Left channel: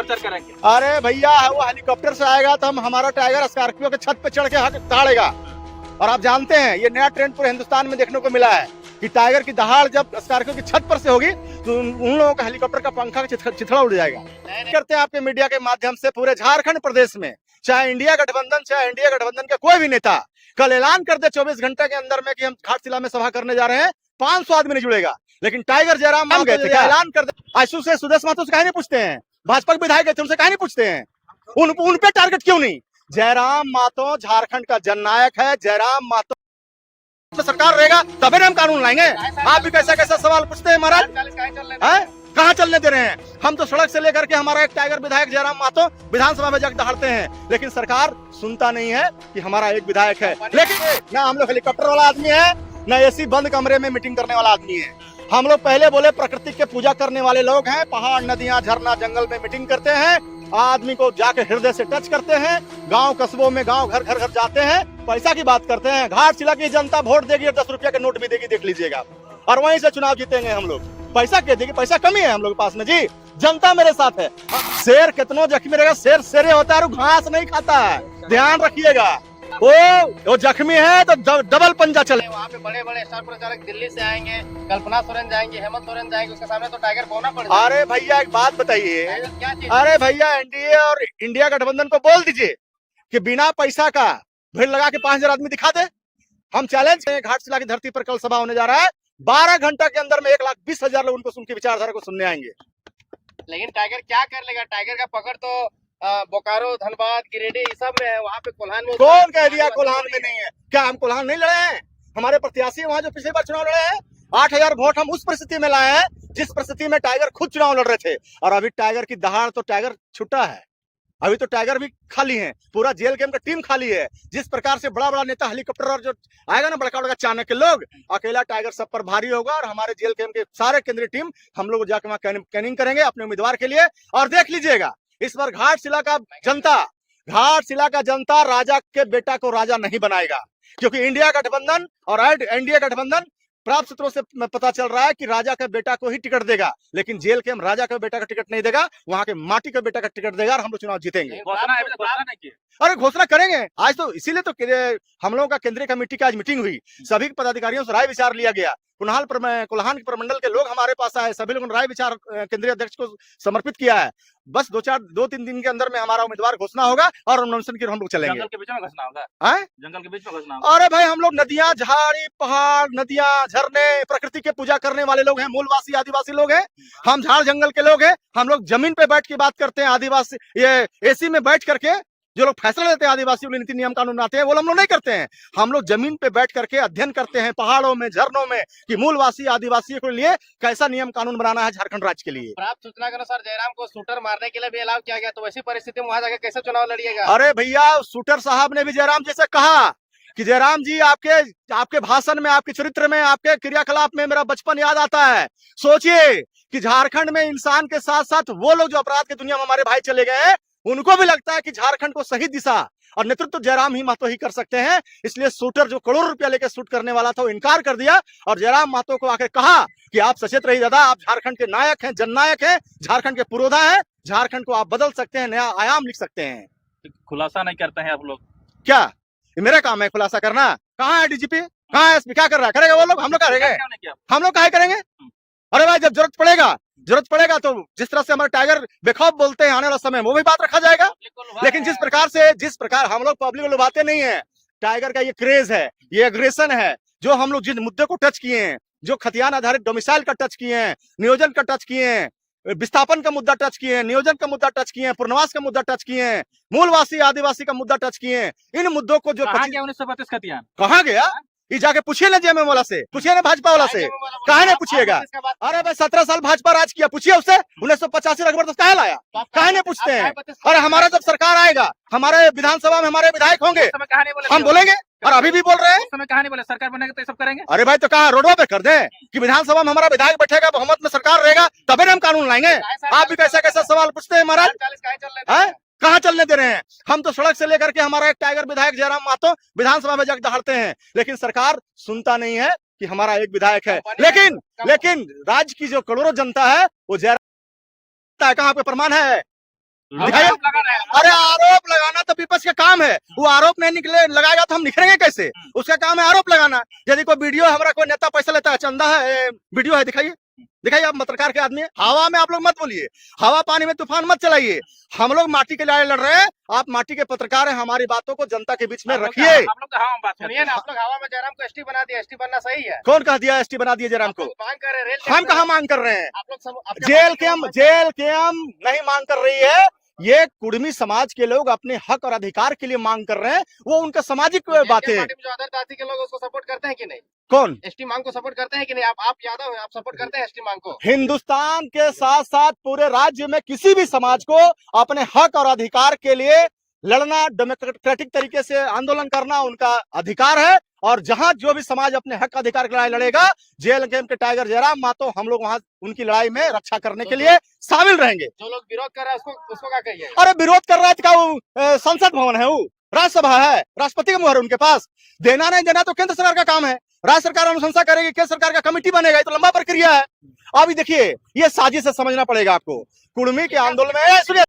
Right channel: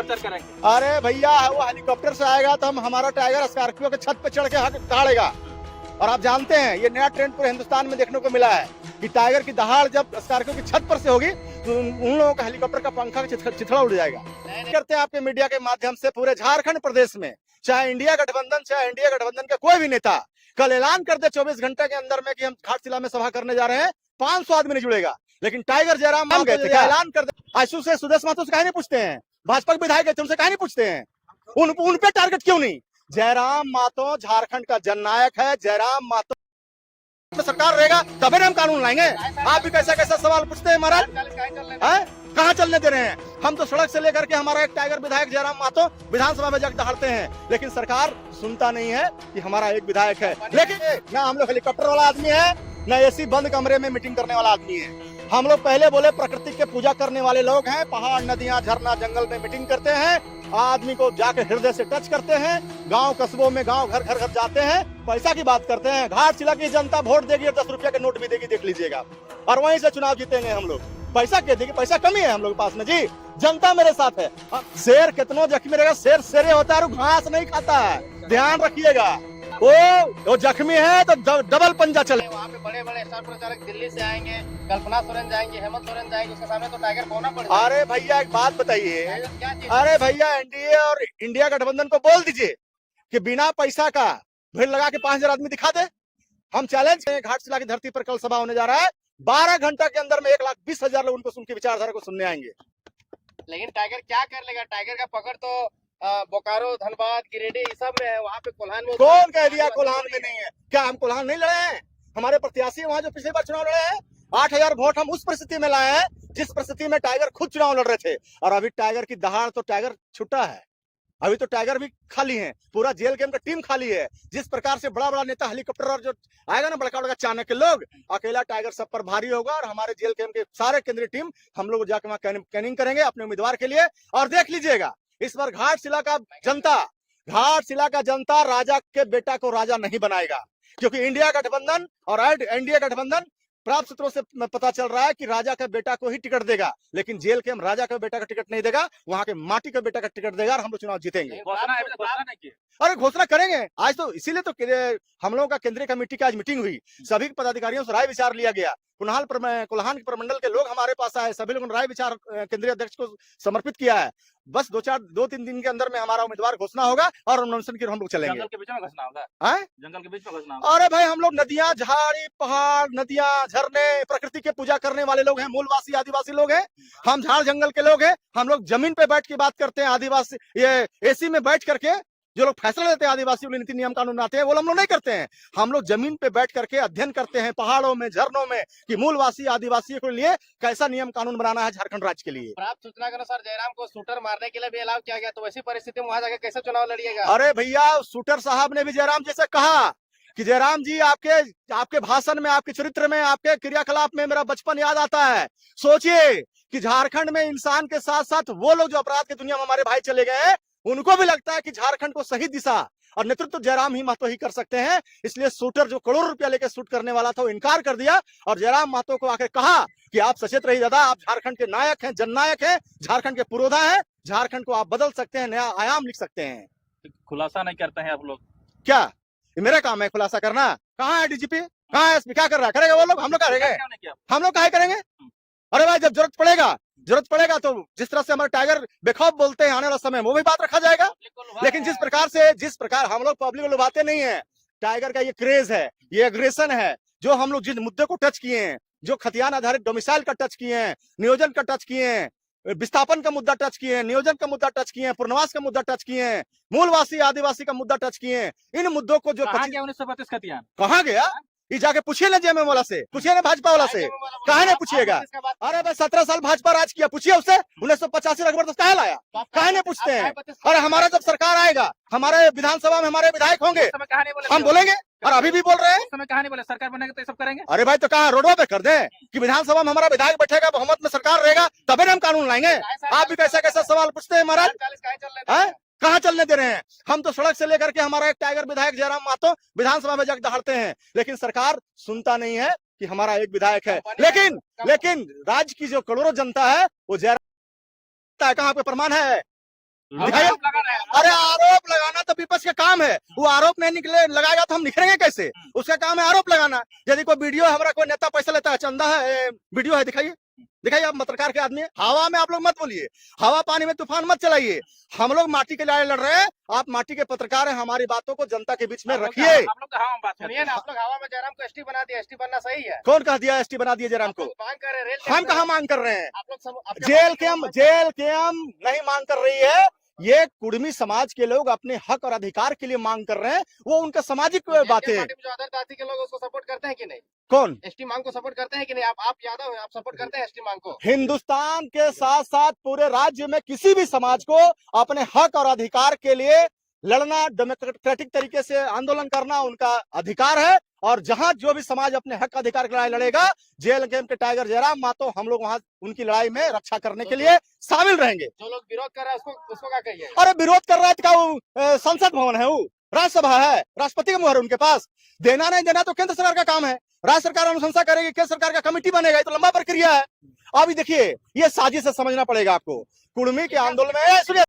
करेंगे। अरे भैया वो हेलीकॉप्टर से आएगा तो हम हमारा टाइगर स्कॉर्पियो के छत पे चढ़ के हाथ ताड़ेगा। और आप जानते हैं ये नया ट्रेंड पूरे हिंदुस्तान में देखने को मिला है कि टाइगर की दहाड़ जब स्कॉर्पियो की छत पर से होगी तो उन लोगों का हेलीकॉप्टर का पंखा चिथड़ा उड़ जाएगा। करते हैं आपके मीडिया के माध्यम से पूरे झारखंड प्रदेश में चाहे इंडिया गठबंधन का कोई भी नेता कल ऐलान कर दे 24 घंटे के अंदर में कि हम घाटशिला में सभा करने जा रहे हैं, 500 आदमी नहीं जुड़ेगा। लेकिन टाइगर जयराम हम गए थे ऐलान कर दे आशु से सुदेश महतो से कहीं नहीं पूछते हैं, भाजपा के विधायक थे उनसे कहीं नहीं पूछते हैं, उन पे टारगेट क्यों नहीं? जयराम महतो झारखंड का जननायक है। जयराम महतो तो सरकार रहेगा तभी हम कानून लाएंगे। आप भी कैसा कैसा सवाल पूछते हैं महाराज, कहाँ चलने दे रहे हैं? हम तो सड़क से लेकर के हमारा एक टाइगर विधायक जयराम महतो विधानसभा में जाकर दहाड़ते हैं, लेकिन सरकार सुनता नहीं है कि हमारा एक विधायक है। लेकिन ना हम लोग हेलीकॉप्टर वाला आदमी है, न एसी बंद कमरे में मीटिंग करने वाला आदमी है। हम लोग पहले बोले प्रकृति के पूजा करने वाले लोग हैं, पहाड़ नदियां झरना जंगल में मीटिंग करते हैं, आदमी को जाके हृदय से टच करते हैं, गांव कस्बों में गांव घर घर घर जाते हैं, पैसा की बात करते हैं। घाटशिला की जनता वोट देगी और 10 रुपया के नोट भी देगी, देख लीजिएगा, और वहीं से चुनाव जीतेंगे हम लोग। पैसा क्या देगी? पैसा कमी है हम लोग के पास में जी, जनता मेरे साथ है। शेर कितनों जख्मी रहेगा, शेर शेरे होता है और घास नहीं खाता है, ध्यान रखिएगा। वो जख्मी है तो डबल पंजा चले। वहाँ पे बड़े बड़े स्टार प्रचारक दिल्ली से आएंगे, कल्पना सोरेन जाएंगे, हेमंत सोरेन जाएंगे, उसके सामने तो टाइगर बोना पड़ेगा। अरे भैया एक बात बताइए, अरे भैया एनडीए और इंडिया गठबंधन को बोल दीजिए कि बिना पैसा का भीड़ लगा के 5000 आदमी दिखा दे। हम चैलेंज करें, घाटशिला की धरती पर कल सभा होने जा रहा है, 12 घंटा के अंदर में 1,20,000 लोग उनको उनकी विचारधारा को सुनने आएंगे। लेकिन टाइगर क्या कर लेगा? टाइगर का पकड़ तो बोकारो, धनबाद, गिरिडीह सब में है, वहाँ पे कोल्हान में कौन कह दिया कोल्हान में नहीं है? क्या हम कोल्हान नहीं लड़े हैं? हमारे प्रत्याशी वहाँ जो पिछली बार चुनाव लड़े हैं, 8000 वोट हम उस परिस्थिति में लाए हैं जिस परिस्थिति में टाइगर खुद चुनाव लड़ रहे थे। और अभी टाइगर की दहाड़ तो टाइगर छुट्टा है, अभी तो टाइगर भी खाली है, पूरा जेल गेम का टीम खाली है। जिस प्रकार से बड़ा बड़ा नेता हेलीकॉप्टर और जो आएगा ना बड़का बड़का चाणक्य लोग, अकेला टाइगर सब पर भारी होगा। और हमारे जेल गेम के सारे केंद्रीय टीम हम लोग जाकर वहाँ कैनिंग करेंगे अपने उम्मीदवार के लिए। और देख लीजिएगा इस बार घाटशिला का जनता राजा के बेटा को राजा नहीं बनाएगा, क्योंकि इंडिया गठबंधन और एनडीए गठबंधन प्राप्त सूत्रों से पता चल रहा है कि राजा का बेटा को ही टिकट देगा, लेकिन जेल के हम राजा का बेटा का टिकट नहीं देगा, वहां के माटी का बेटा का टिकट देगा और हम लोग चुनाव जीतेंगे। अरे घोषणा करेंगे आज तो, इसीलिए तो हम लोगों का केंद्रीय कमेटी की आज मीटिंग हुई, सभी पदाधिकारियों से राय विचार लिया गया। कोल्हान के प्रमंडल के लोग हमारे पास आए, सभी लोगों ने राय विचार केंद्रीय अध्यक्ष को समर्पित किया है। बस 2-3 दिन के अंदर में हमारा उम्मीदवार घोषणा होगा और नॉमिनेशन की हम लोग चलेंगे। जंगल के बीच में घोषणा होगा, जंगल के बीच में घोषणा होगा। अरे भाई हम लोग नदियां झाड़ी पहाड़ नदियां झरने प्रकृति की पूजा करने वाले लोग हैं, मूलवासी आदिवासी लोग हैं, हम झाड़ जंगल के लोग हैं। हम लोग जमीन पे बैठ के बात करते हैं, आदिवासी ये एसी में बैठ करके जो लोग फैसला लेते हैं आदिवासियों के नीति नियम कानून बनाते हैं, वो हम लोग नहीं करते हैं। हम लोग जमीन पे बैठ करके अध्ययन करते हैं पहाड़ों में झरनों में कि मूलवासी आदिवासियों के लिए कैसा नियम कानून बनाना है झारखंड राज्य के लिए। प्राप्त सूचना के अनुसार जयराम को शूटर मारने के लिए भी अलाउ किया गया, तो वैसी परिस्थिति में वहां जाकर कैसे चुनाव लड़िएगा? अरे भैया शूटर साहब ने भी जयराम जी से कहा कि जयराम जी आपके भाषण में, आपके चरित्र में, आपके क्रियाकलाप में मेरा बचपन याद आता है। सोचिए कि झारखंड में इंसान के साथ साथ वो लोग जो अपराध की दुनिया में हमारे भाई चले गए, उनको भी लगता है कि झारखंड को सही दिशा और नेतृत्व जयराम ही महतो ही कर सकते हैं। इसलिए शूटर जो करोड़ों रुपया लेकर शूट करने वाला था वो इनकार कर दिया और जयराम महतो को आके कहा कि आप सचेत रहिए दादा, आप झारखंड के नायक हैं, जननायक हैं, झारखंड के पुरोधा हैं, झारखंड को आप बदल सकते हैं, नया आयाम लिख सकते हैं। खुलासा नहीं करते हैं आप लोग? क्या ये मेरा काम है खुलासा करना? कहाँ है डीजीपी, कहाँ है एसपी, क्या कर रहा है? करेगा वो लोग, हम लोग करेंगे? हम लोग काहे करेंगे? अरे भाई जब जरूरत पड़ेगा तो जिस तरह से हमारे टाइगर बेखौफ बोलते हैं आने वाला समय वो भी बात रखा जाएगा। लेकिन जिस प्रकार हम लोग पब्लिक को लुभाते नहीं है, टाइगर का ये क्रेज है, ये एग्रेशन है, जो हम लोग जिस मुद्दे को टच किए हैं, जो खतियान आधारित डोमिसाइल का टच किए हैं, नियोजन का टच किए हैं, विस्थापन का मुद्दा टच किए हैं, नियोजन का मुद्दा टच किए हैं, पुनर्वास का मुद्दा टच किए हैं, मूलवासी आदिवासी का मुद्दा टच किए हैं, इन मुद्दों को जो 1932 खतियान कहाँ गया ये जाके पूछिए ना जेएमएम वाला से, पूछिए ना भाजपा वाला से, काहे नहीं पूछिएगा? अरे भाई 17 साल भाजपा राज किया, पूछिए उससे 1985 जबरदस्त काहे लाया, काहे नहीं पूछते हैं? अरे हमारा जब सरकार आएगा, हमारे विधानसभा में हमारे विधायक होंगे, हम बोलेंगे, और अभी भी बोल रहे हैं कहानी बोले सरकार बनेगा तो सब करेंगे। अरे भाई तो कहा रोडों पे कर दे कि विधानसभा में हमारा विधायक बैठेगा, बहुमत में सरकार रहेगा, तभी हम कानून लाएंगे। आप भी कैसा कैसा सवाल पूछते हैं महाराज, कहाँ चलने दे रहे हैं? हम तो सड़क से लेकर के हमारा एक टाइगर विधायक जयराम महतो विधानसभा में जाकर दहाड़ते हैं, लेकिन सरकार सुनता नहीं है कि हमारा एक विधायक है। लेकिन राज्य की जो करोड़ों जनता है वो जयराम, कहाँ पे प्रमाण है? दिखाइए। आरोप लगा रहे हैं। अरे आरोप लगाना तो विपक्ष का काम है, वो आरोप नहीं निकले लगाएगा तो हम निखरेंगे कैसे? उसका काम है आरोप लगाना। यदि कोई वीडियो हमारा कोई नेता पैसा लेता है, चंदा है, वीडियो है, दिखाइए दिखाइए। आप पत्रकार के आदमी हैं। हवा में आप लोग मत बोलिए, हवा पानी में तूफान मत चलाइए। हम लोग माटी के लड़ाई लड़ रहे हैं, आप माटी के पत्रकार हैं, हमारी बातों को जनता के बीच में रखिए। आप लोग हवा में बात सुनिए ना, आप लोग हवा में जयराम को एसटी बना दिया, एसटी बनना सही है? कौन कह दिया एसटी बना दिया जयराम को? मांग कर रहे हैं, रेल हम कहाँ मांग कर रहे हैं? आप लोग जेल के हम नहीं मांग कर रही है। ये कुर्मी समाज के लोग अपने हक और अधिकार के लिए मांग कर रहे हैं, वो उनका सामाजिक बातें। पार्टी में जो अदर जाति के लोग उसको सपोर्ट करते हैं कि नहीं? कौन? एसटी मांग को सपोर्ट करते हैं कि नहीं? आप यादव हैं, आप सपोर्ट करते हैं एसटी मांग को? हिंदुस्तान के साथ साथ पूरे राज्य में किसी भी समाज को अपने हक और अधिकार के लिए लड़ना, डेमोक्रेटिक तरीके से आंदोलन करना उनका अधिकार है। और जहां जो भी समाज अपने हक अधिकार की लड़ाई लड़ेगा, जेल गेम के टाइगर जयराम मातो हम लोग वहां उनकी लड़ाई में रक्षा करने के लिए शामिल रहेंगे। जो लोग विरोध कर रहे हैं उसको क्या कहिए? अरे विरोध कर रहा है तो क्या वो संसद भवन है, वो राज्यसभा है, राष्ट्रपति का मुहर उनके पास। देना नहीं देना तो केंद्र सरकार का काम है। राज्य सरकार अनुशंसा करेगी, केंद्र सरकार का कमेटी बनेगा, ये तो लंबा प्रक्रिया है। अभी देखिए, ये साजिश से समझना पड़ेगा आपको। कुर्मी के आंदोलन में सुनिए